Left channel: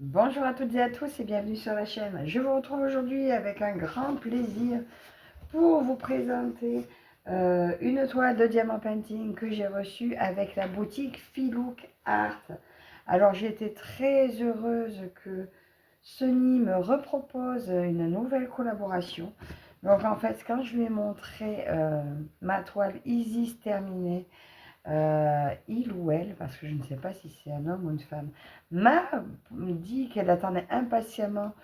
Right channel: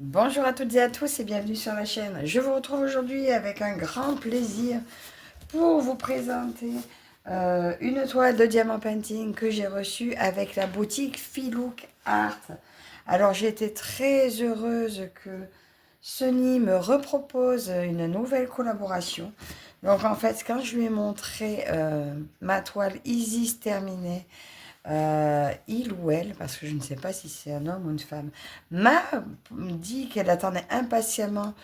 Bonjour à toutes et à tous et bienvenue sur la chaîne. Je vous retrouve aujourd'hui avec un grand plaisir pour vous présenter une toile de diamant painting que j'ai reçue avec la boutique Filook Art. Alors j'ai été très heureuse que Sony me repropose une nouvelle collaboration. Donc en fait quand je lui ai montré ma toile Isis terminée, il ou elle, parce que je ne sais pas si c'est un homme ou une femme, m'a dit qu'elle attendait impatiemment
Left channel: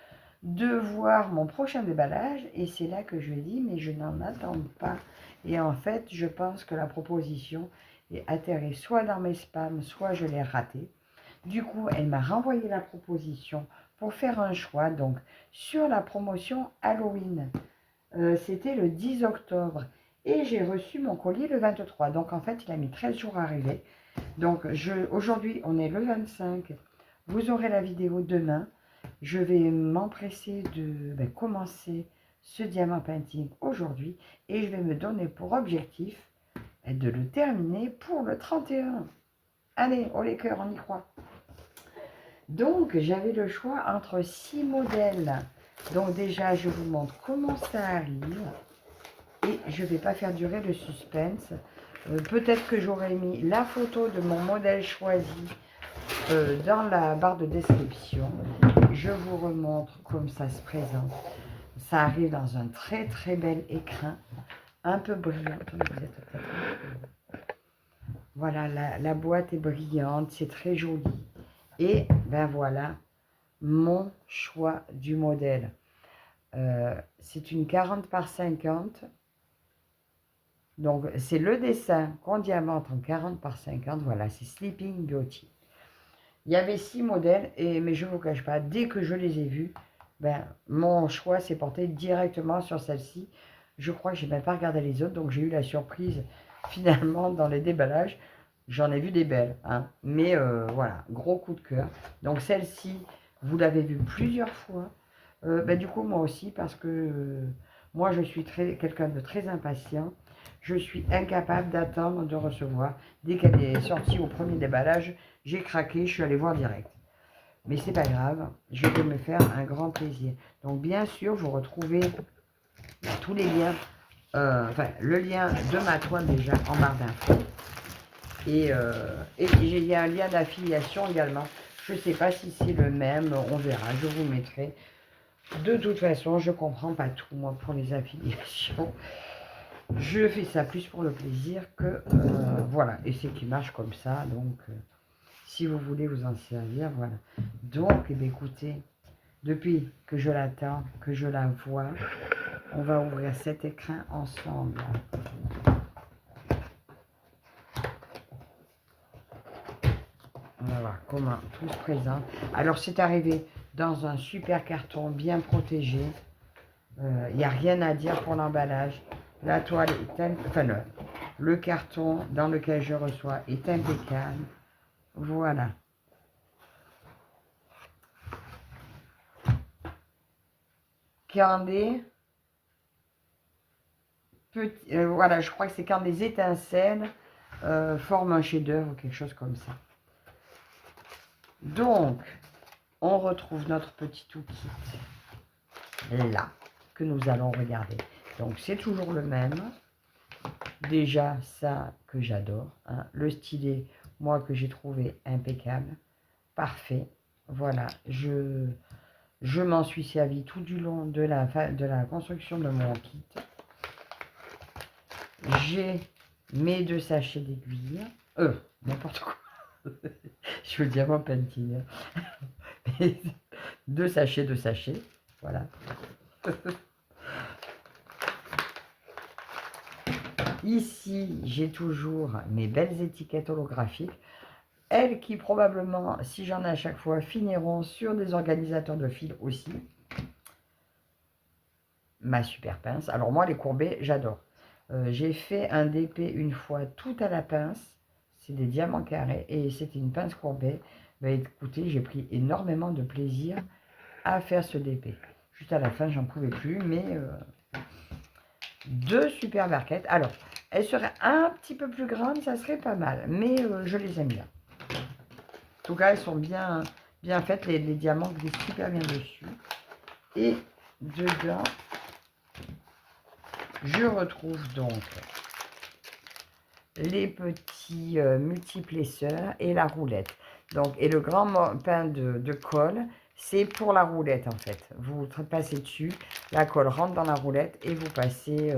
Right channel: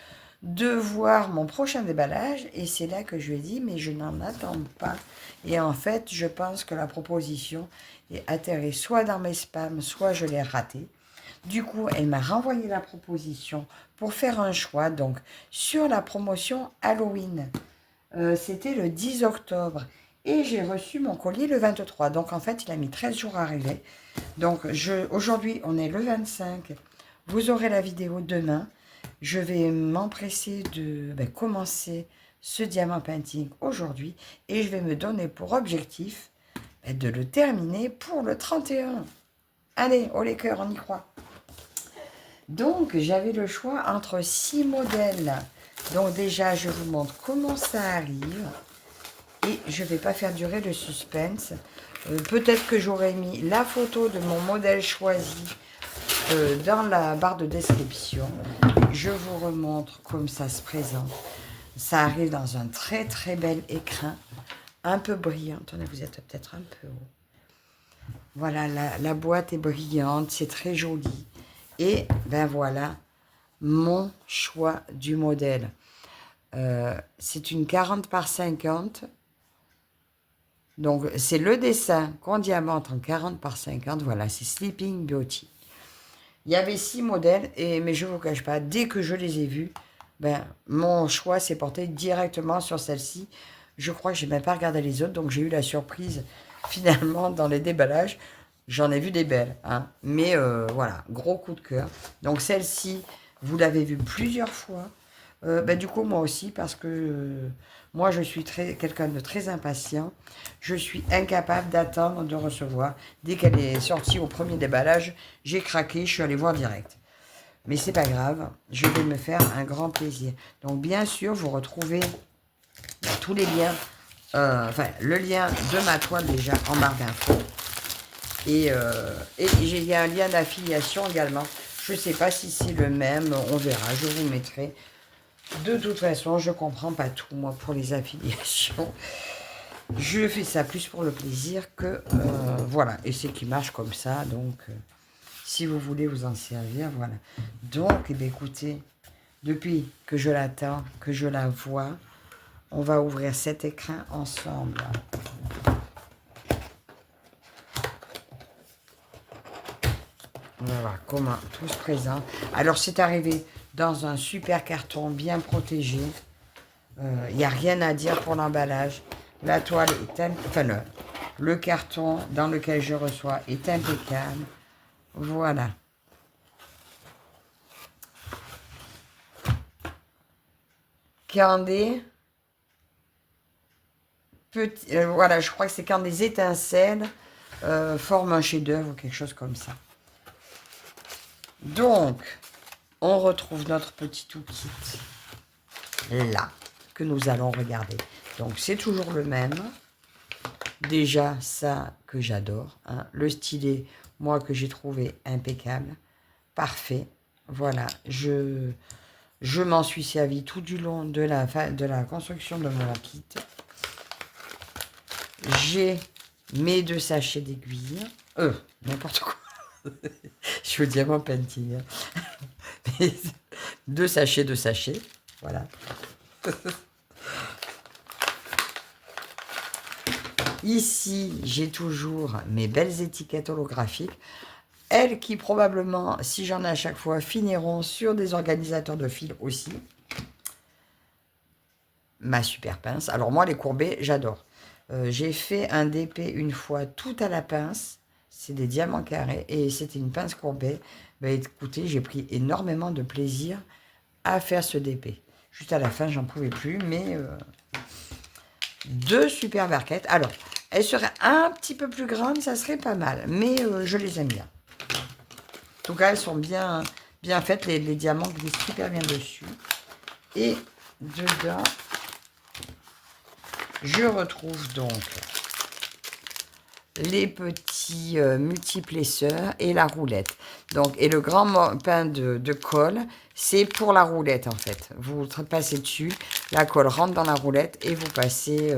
de voir mon prochain déballage. Et c'est là que je lui ai dit, mais je n'en attends pas. Et en fait, je pense que la proposition est atterrie soit dans mes spams, soit je l'ai ratée. Du coup, elle m'a renvoyé la proposition pour faire un choix. Donc, sur la promotion Halloween, c'était le 10 octobre. Et j'ai reçu mon colis le 23. Donc, en fait, il a mis 13 jours à arriver. Donc, aujourd'hui, on est le 25. Vous aurez la vidéo demain. Je vais m'empresser de commencer ce diamant painting aujourd'hui. Et je vais me donner pour objectif de le terminer pour le 31. Allez, oh les cœurs, on y croit. Donc, j'avais le choix entre 6 modèles. Donc déjà, je vous montre comment ça arrive. Et je ne vais pas faire durer le suspense. Peut-être que j'aurais mis la photo de mon modèle choisi dans la barre de description. Je vous remontre comme ça se présente. Ça arrive dans un très très bel écrin, un peu brillant. Attendez, vous êtes peut-être un peu... Voilà, la boîte est brillante, c'est très joli. Et ben voilà, mon choix du modèle. C'est une 40 par 50. Donc, c'est le dessin qu'on diamante en 40 par 50. Voilà, c'est Sleeping Beauty. Il y avait 6 modèles, mais je ne vous cache pas, dès que je les ai vus, mon choix s'est porté directement sur celle-ci. Je crois que je n'ai même pas regardé les autres, donc j'ai eu la surprise finalement dans les déballages. J'en ai vu des belles, hein. Mais voilà, gros coup de cœur. Donc celle-ci, vous l'avez vue plusieurs fois. Du coup, moi aussi, parce que moi, je suis quelqu'un de très impatient. Je suis incapable d'attendre de recevoir. Dès qu'elle est sortie au premier déballage, j'ai craqué, je suis allée voir direct. Mais c'est pas grave, je vais me faire un grand plaisir. Donc, bien sûr, vous retrouvez tous les liens, le lien de ma toile déjà en barre d'infos. Et il y a un lien d'affiliation également. Je ne sais pas si c'est le même, on verra, je vous mettrai. De toute façon, je ne comprends pas tout, moi, pour les affiliations. Je fais ça plus pour le plaisir que... voilà, et c'est qui marche comme ça, donc... si vous voulez vous en servir, voilà. Donc, écoutez, depuis que je l'attends, que je la vois, on va ouvrir cet écrin ensemble. On va voir comment tout se présente. Alors, c'est arrivé dans un super carton bien protégé. Il n'y a rien à dire pour l'emballage. La toile est le carton dans lequel je reçois est impeccable. Voilà. Quand des petits, voilà, je crois que c'est quand des étincelles forment un chef-d'œuvre ou quelque chose comme ça. Donc, on retrouve notre petit toolkit là, que nous allons regarder. Donc, c'est toujours le même. Déjà, ça que j'adore. Hein. Le stylet, moi, que j'ai trouvé impeccable. Parfait. Voilà, je m'en suis servi tout du long de la construction de mon kit. J'ai mes 2 sachets d'aiguilles. N'importe quoi. Je suis au diamant painting. 2 sachets de sachets. Voilà. Ici, j'ai toujours mes belles étiquettes holographiques. Elles qui probablement, si j'en ai à chaque fois, finiront sur des organisateurs de fils aussi. Ma super pince. Alors moi, les courbés, j'adore. J'ai fait un DP une fois tout à la pince. C'est des diamants carrés et c'était une pince courbée. Écoutez, j'ai pris énormément de plaisir à faire ce DP. Juste à la fin, j'en pouvais plus, mais 2 super barquettes. Alors, elles seraient un petit peu plus grandes, ça serait pas mal, mais je les aime bien. En tout cas, elles sont bien, bien faites. Les diamants glissent super bien dessus. Et dedans, je retrouve donc les petits multiplesseurs et la roulette. Donc, et le grand pain de colle, c'est pour la roulette en fait. Vous passez dessus, la colle rentre dans la roulette et vous passez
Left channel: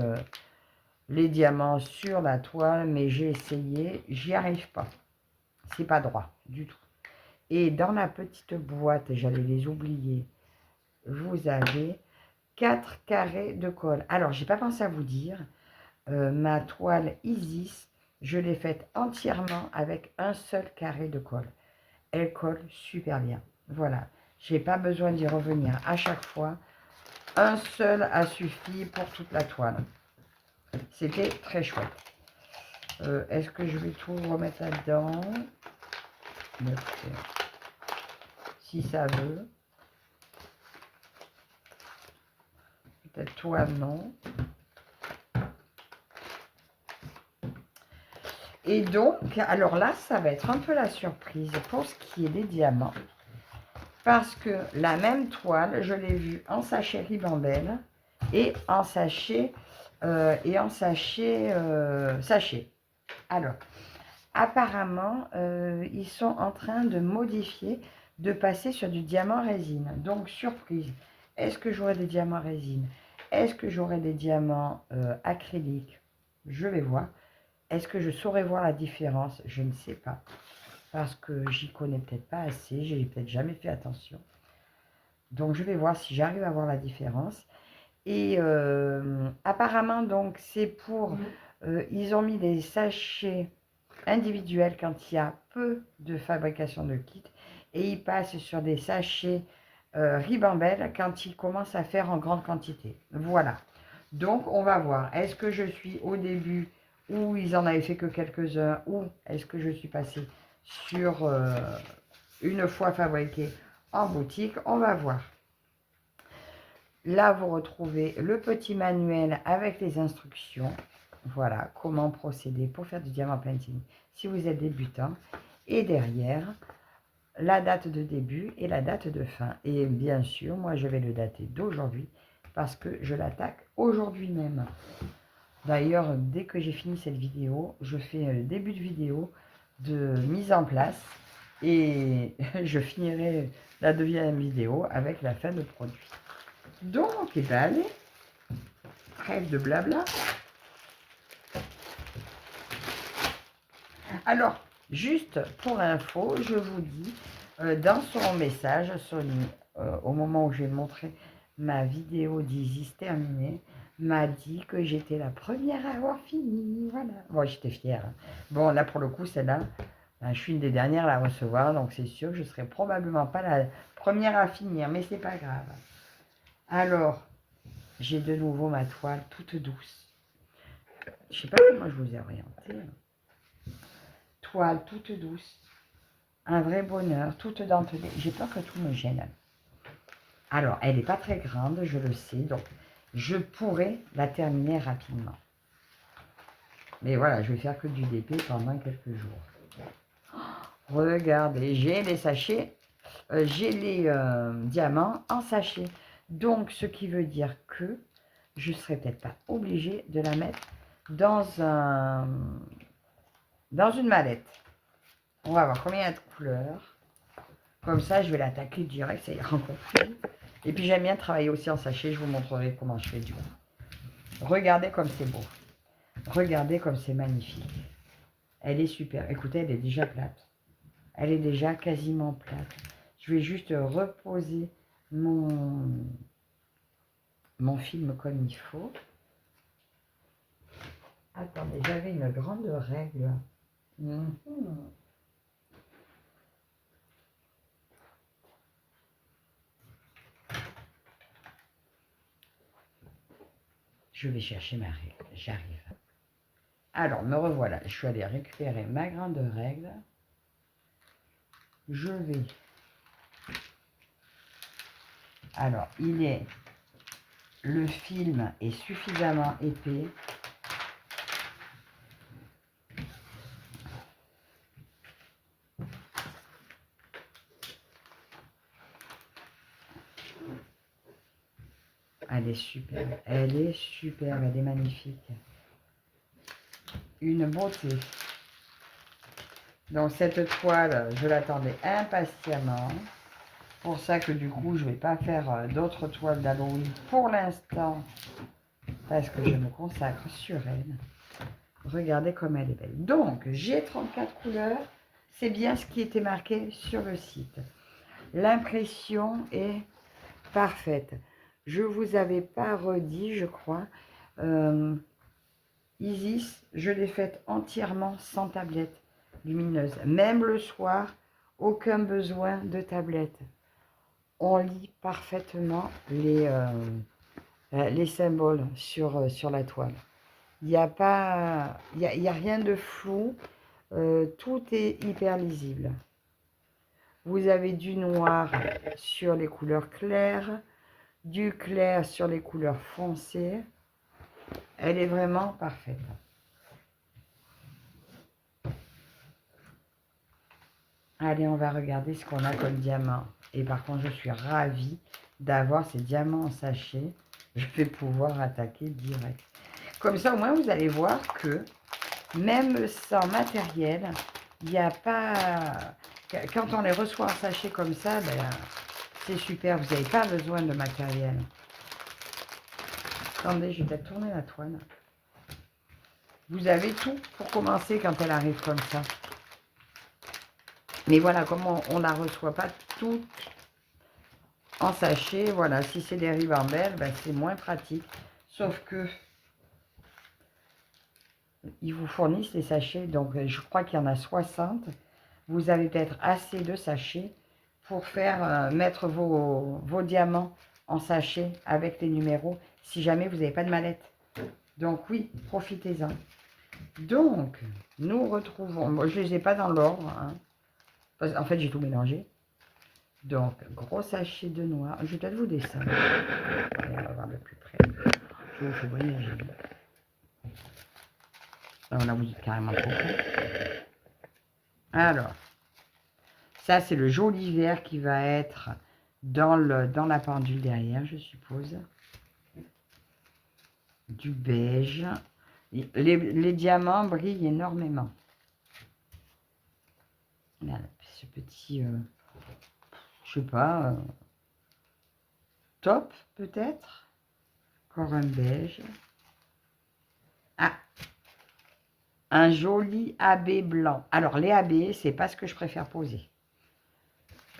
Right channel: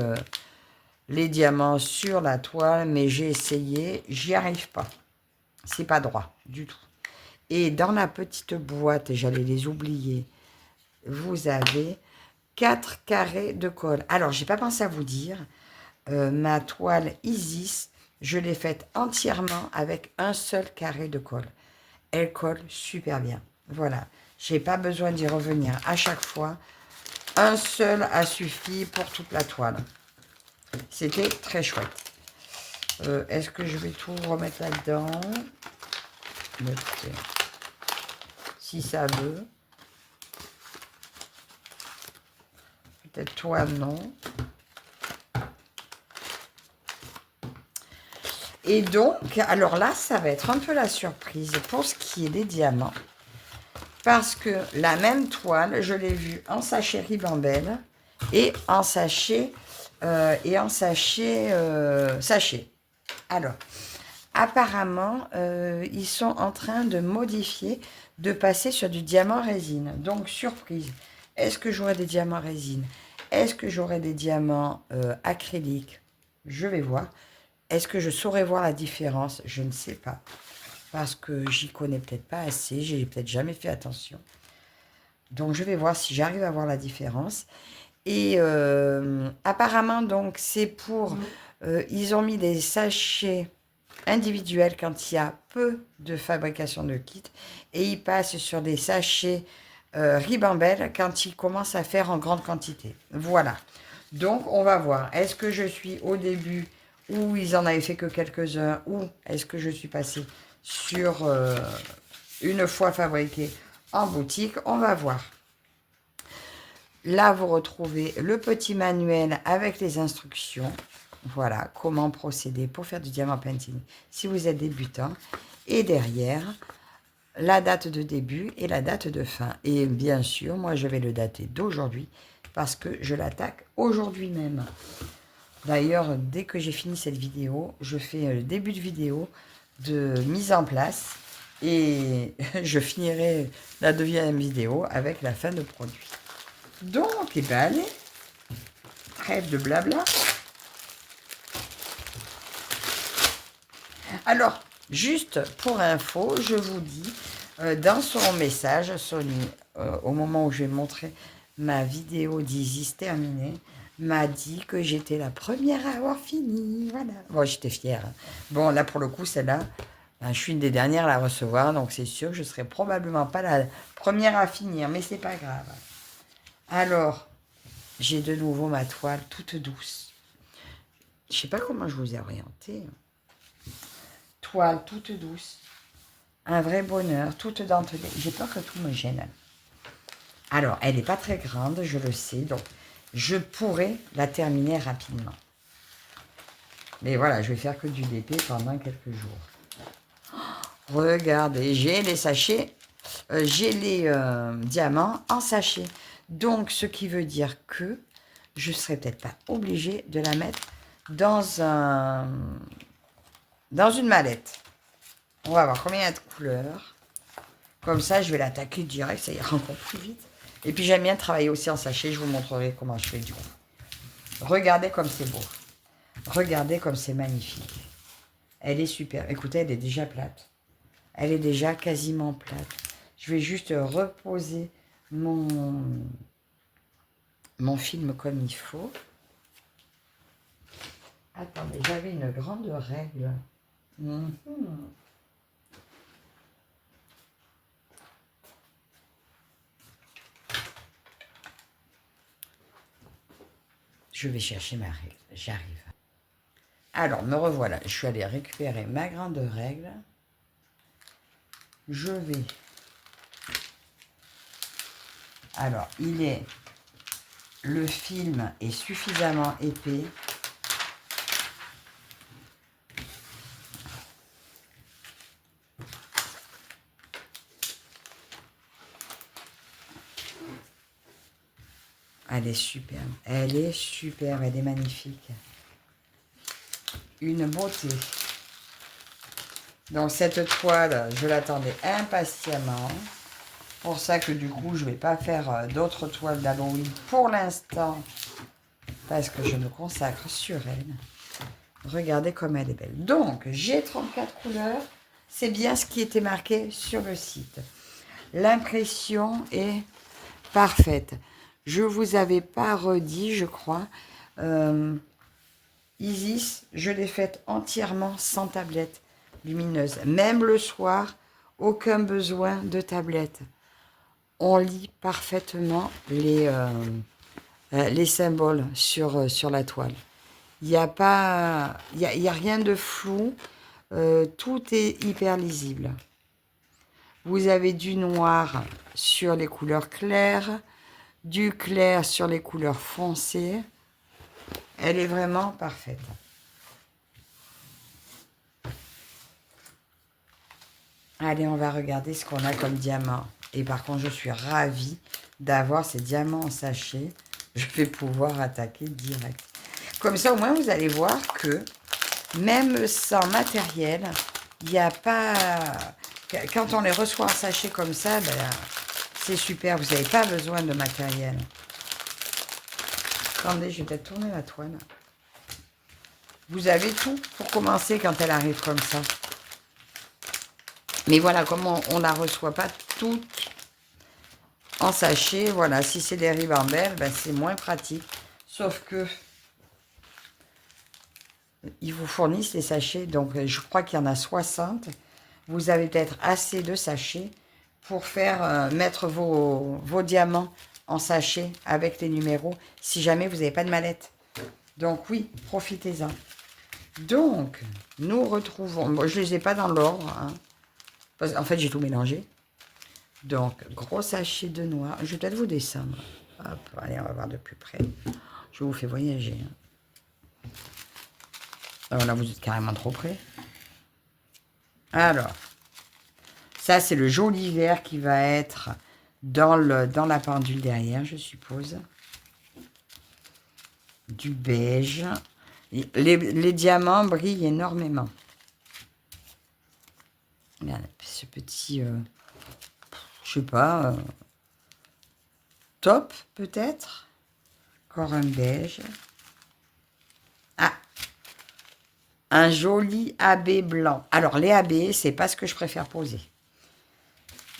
les diamants sur la toile. Mais j'ai essayé, j'y arrive pas. C'est pas droit du tout. Et dans la petite boîte, j'allais les oublier, vous avez 4 carrés de colle. Alors, j'ai pas pensé à vous dire, ma toile Isis, je l'ai faite entièrement avec un seul carré de colle. Elle colle super bien. Voilà. J'ai pas besoin d'y revenir à chaque fois. Un seul a suffi pour toute la toile. C'était très chouette. Est-ce que je vais tout remettre là-dedans? Si ça veut. Peut-être toi, non. Et donc, alors là, ça va être un peu la surprise pour ce qui est des diamants. Parce que la même toile, je l'ai vue en sachet ribambelle et en sachet, sachet. Alors, apparemment, ils sont en train de modifier, de passer sur du diamant résine. Donc, surprise. Est-ce que j'aurai des diamants résine? Est-ce que j'aurai des diamants acryliques? Je vais voir. Est-ce que je saurais voir la différence? Je ne sais pas. Parce que j'y connais peut-être pas assez. J'ai peut-être jamais fait attention. Donc, je vais voir si j'arrive à voir la différence. Et apparemment, donc, c'est pour... ils ont mis des sachets individuels quand il y a peu de fabrication de kits. Et ils passent sur des sachets ribambelle quand ils commencent à faire en grande quantité. Voilà. Donc, on va voir. Est-ce que je suis au début où ils en avaient fait que quelques-uns, ou est-ce que je suis passée sur une fois fabriqué en boutique? On va voir. Là, vous retrouvez le petit manuel avec les instructions. Voilà, comment procéder pour faire du diamant painting si vous êtes débutant. Et derrière, la date de début et la date de fin. Et bien sûr, moi, je vais le dater d'aujourd'hui parce que je l'attaque aujourd'hui même. D'ailleurs, dès que j'ai fini cette vidéo, je fais le début de vidéo de mise en place et je finirai la deuxième vidéo avec la fin de produit. Donc, eh bien, allez, trêve de blabla. Alors, juste pour info, je vous dis, dans son message, Sony, au moment où je vais montrer ma vidéo d'Isis terminée, m'a dit que j'étais la première à avoir fini. Voilà. Bon, j'étais fière. Hein. Bon, là, pour le coup, celle-là, ben, je suis une des dernières à la recevoir, donc c'est sûr que je ne serai probablement pas la première à finir, mais c'est pas grave. Alors, j'ai de nouveau ma toile toute douce. Je ne sais pas comment je vous ai orienté. Toile toute douce. Un vrai bonheur, toute dentelée. J'ai peur que tout me gêne. Alors, elle n'est pas très grande, je le sais, donc je pourrais la terminer rapidement. Mais voilà, je vais faire que du DP pendant quelques jours. Regardez, j'ai les sachets, j'ai les diamants en sachet. Donc, ce qui veut dire que je ne serai peut-être pas obligée de la mettre dans une mallette. On va voir combien il y a de couleurs. Comme ça, je vais l'attaquer direct, ça ira encore plus vite. Et puis, j'aime bien travailler aussi en sachet. Je vous montrerai comment je fais du coup. Regardez comme c'est beau. Regardez comme c'est magnifique. Elle est super. Écoutez, elle est déjà plate. Elle est déjà quasiment plate. Je vais juste reposer mon film comme il faut. Attendez, j'avais une grande règle. Je vais chercher ma règle. J'arrive. Alors, me revoilà. Je suis allée récupérer ma grande règle. Je vais... Alors, le film est suffisamment épais. elle est superbe. Elle est superbe, elle est magnifique. Une beauté. Donc cette toile, je l'attendais impatiemment. Pour ça que du coup, je ne vais pas faire d'autres toiles d'Halloween pour l'instant. Parce que je me consacre sur elle. Regardez comme elle est belle. Donc, j'ai 34 couleurs. C'est bien ce qui était marqué sur le site. L'impression est parfaite. Je ne vous avais pas redit, je crois. Isis, je l'ai faite entièrement sans tablette lumineuse. Même le soir, aucun besoin de tablette. On lit parfaitement les symboles sur la toile. Il n'y a pas, il y a rien de flou. Tout est hyper lisible. Vous avez du noir sur les couleurs claires, du clair sur les couleurs foncées. Elle est vraiment parfaite. Allez, on va regarder ce qu'on a comme diamant. Et par contre, je suis ravie d'avoir ces diamants en sachet. Je vais pouvoir attaquer direct. Comme ça, au moins, vous allez voir que même sans matériel, il n'y a pas... Quand on les reçoit en sachet comme ça, ben, c'est super. Vous n'avez pas besoin de matériel. Attendez, je vais peut-être tourner la toile. Vous avez tout pour commencer quand elle arrive comme ça. Mais voilà, comme on ne la reçoit pas toute en sachet, voilà, si c'est des ribambelles, ben c'est moins pratique. Sauf que ils vous fournissent les sachets, donc je crois qu'il y en a 60. Vous avez peut-être assez de sachets pour faire mettre vos diamants en sachet avec les numéros, si jamais vous n'avez pas de mallette. Donc oui, profitez-en. Donc, nous retrouvons... Bon, je ne les ai pas dans l'ordre. Hein. En fait, j'ai tout mélangé. Donc, gros sachet de noir. Je vais peut-être vous descendre. Allez, on va voir de plus près. Je vous fais voyager. Alors là, vous êtes carrément trop près. Alors, ça, c'est le joli vert qui va être dans la pendule derrière, je suppose. Du beige. Les diamants brillent énormément. Regardez, ce petit, je sais pas, top peut-être. Encore un beige. Ah, un joli AB blanc. Alors, les AB, c'est pas ce que je préfère poser.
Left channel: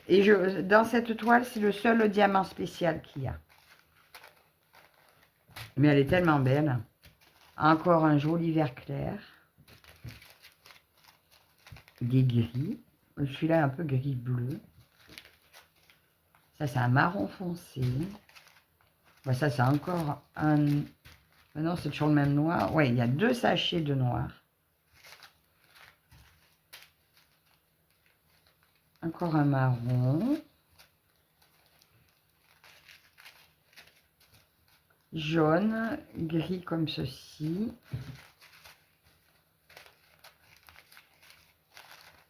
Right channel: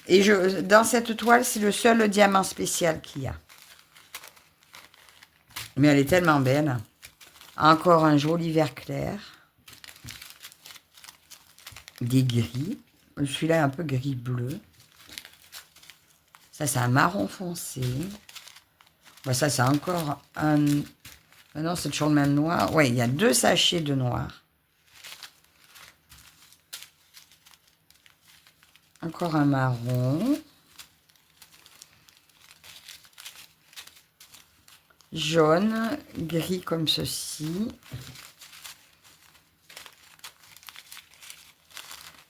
Et dans cette toile, c'est le seul diamant spécial qu'il y a. Mais elle est tellement belle. Encore un joli vert clair. Des gris. Celui-là est un peu gris-bleu. Ça, c'est un marron foncé. Bon, ça, c'est encore un... Ah non, c'est toujours le même noir. Oui, il y a 2 sachets de noir. Encore un marron. Jaune, gris comme ceci.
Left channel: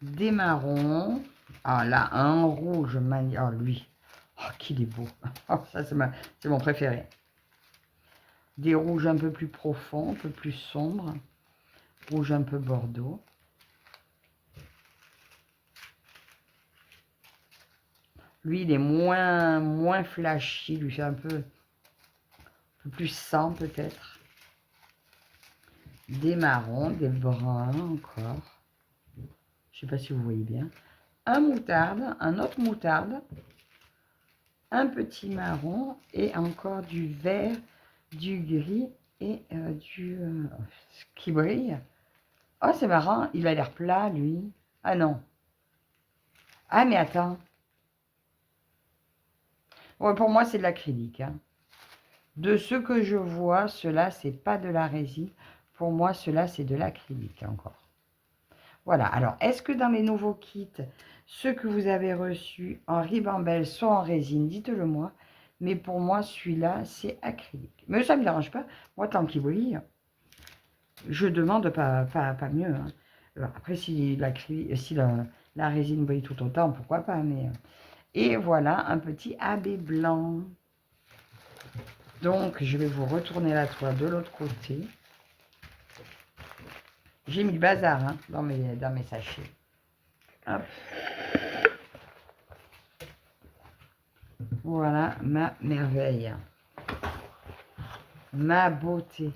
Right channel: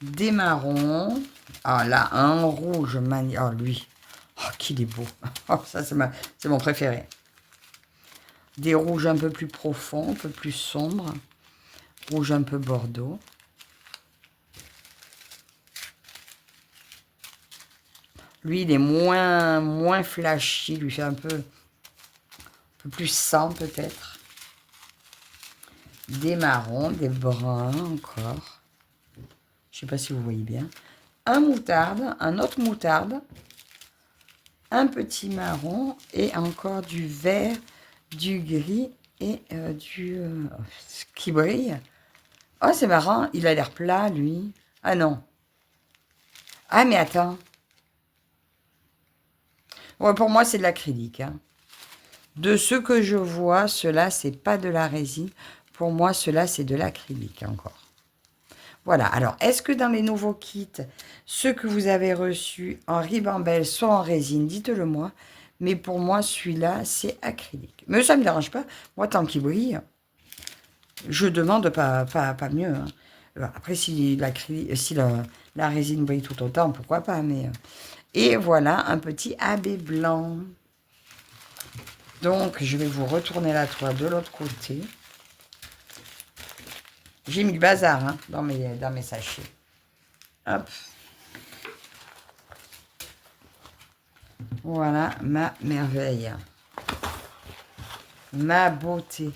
Des marrons. Ah là, un rouge magnifique. Oh lui, oh qu'il est beau. Oh, ça c'est mon préféré. Des rouges un peu plus profonds, un peu plus sombres. Rouge un peu bordeaux. Lui, il est moins flashy. Lui fait un peu plus sang peut-être. Des marrons, des bruns encore. Je ne sais pas si vous voyez bien. Un moutarde, un autre moutarde. Un petit marron et encore du vert, du gris et qui brille. Oh, c'est marrant. Il a l'air plat, lui. Ah non. Ah, mais attends. Ouais, pour moi, c'est de l'acrylique. Hein. De ce que je vois, cela, c'est pas de la résine. Pour moi, cela, c'est de l'acrylique encore. Voilà. Alors, est-ce que dans les nouveaux kits, ceux que vous avez reçus en ribambelle sont en résine? Dites-le moi. Mais pour moi, celui-là, c'est acrylique. Mais ça ne me dérange pas. Moi, tant qu'il brille, je demande pas mieux. Hein. Après, si la résine brille tout autant, pourquoi pas. Mais... Et voilà, un petit AB blanc. Donc, je vais vous retourner la toile de l'autre côté. J'ai mis le bazar hein, dans mes sachets. Hop. Voilà ma merveille. Ma beauté.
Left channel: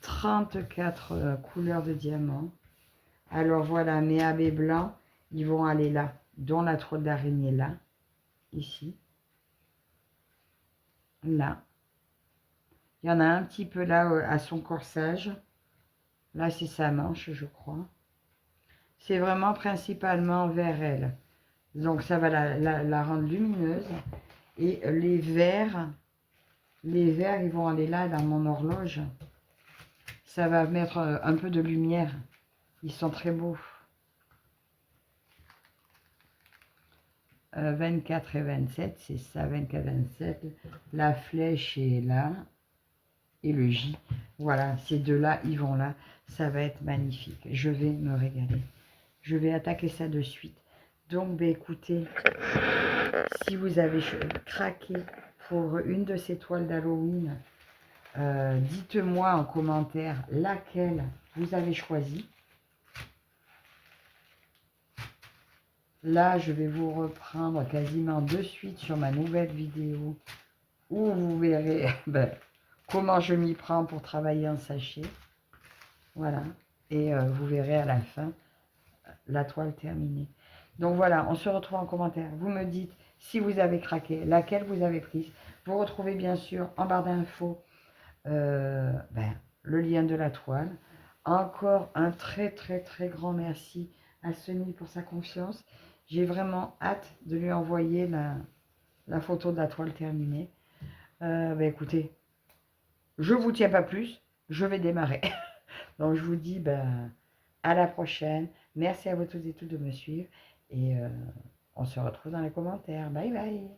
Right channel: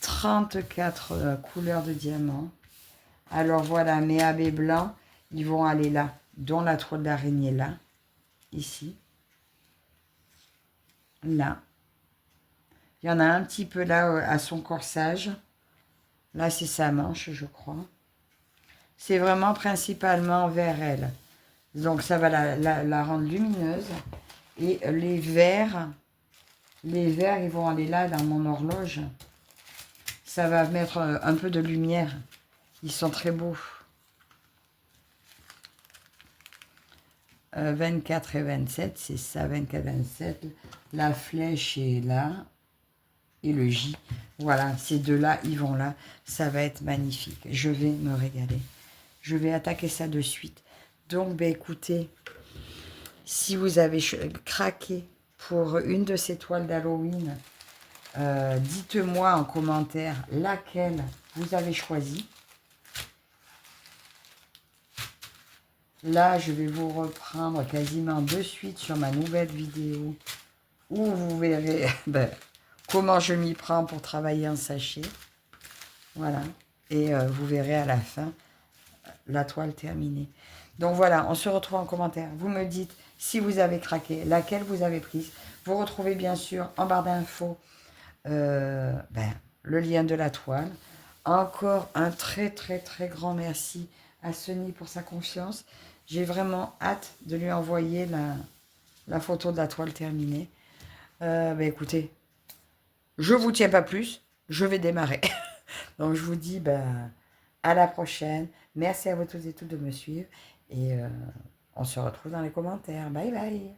34 couleurs de diamants. Alors voilà, mes AB blancs, ils vont aller là, dont la toile d'araignée là, ici, là. Il y en a un petit peu là à son corsage. Là, c'est sa manche, je crois. C'est vraiment principalement vers elle. Donc, ça va la rendre lumineuse. Et les verts, ils vont aller là dans mon horloge. Ça va mettre un peu de lumière. Ils sont très beaux. 24 et 27, c'est ça, 24 et 27. La flèche est là. Et le J. Voilà, ces deux-là, ils vont là. Ça va être magnifique. Je vais me régaler. Je vais attaquer ça de suite. Donc, ben, écoutez, si vous avez craqué pour une de ces toiles d'Halloween, dites-moi en commentaire laquelle vous avez choisi. Là, je vais vous reprendre quasiment de suite sur ma nouvelle vidéo où vous verrez ben, comment je m'y prends pour travailler en sachet. Voilà. Et vous verrez à la fin la toile terminée. Donc voilà, on se retrouve en commentaire. Vous me dites si vous avez craqué, laquelle vous avez prise. Vous retrouvez bien sûr en barre d'infos le lien de la toile. Encore un très très très grand merci à Sony pour sa confiance. J'ai vraiment hâte de lui envoyer la photo de la toile terminée. Écoutez, je ne vous tiens pas plus, je vais démarrer. Donc je vous dis à la prochaine. Merci à vous tous et toutes de me suivre. Et on se retrouve dans les commentaires. Bye bye.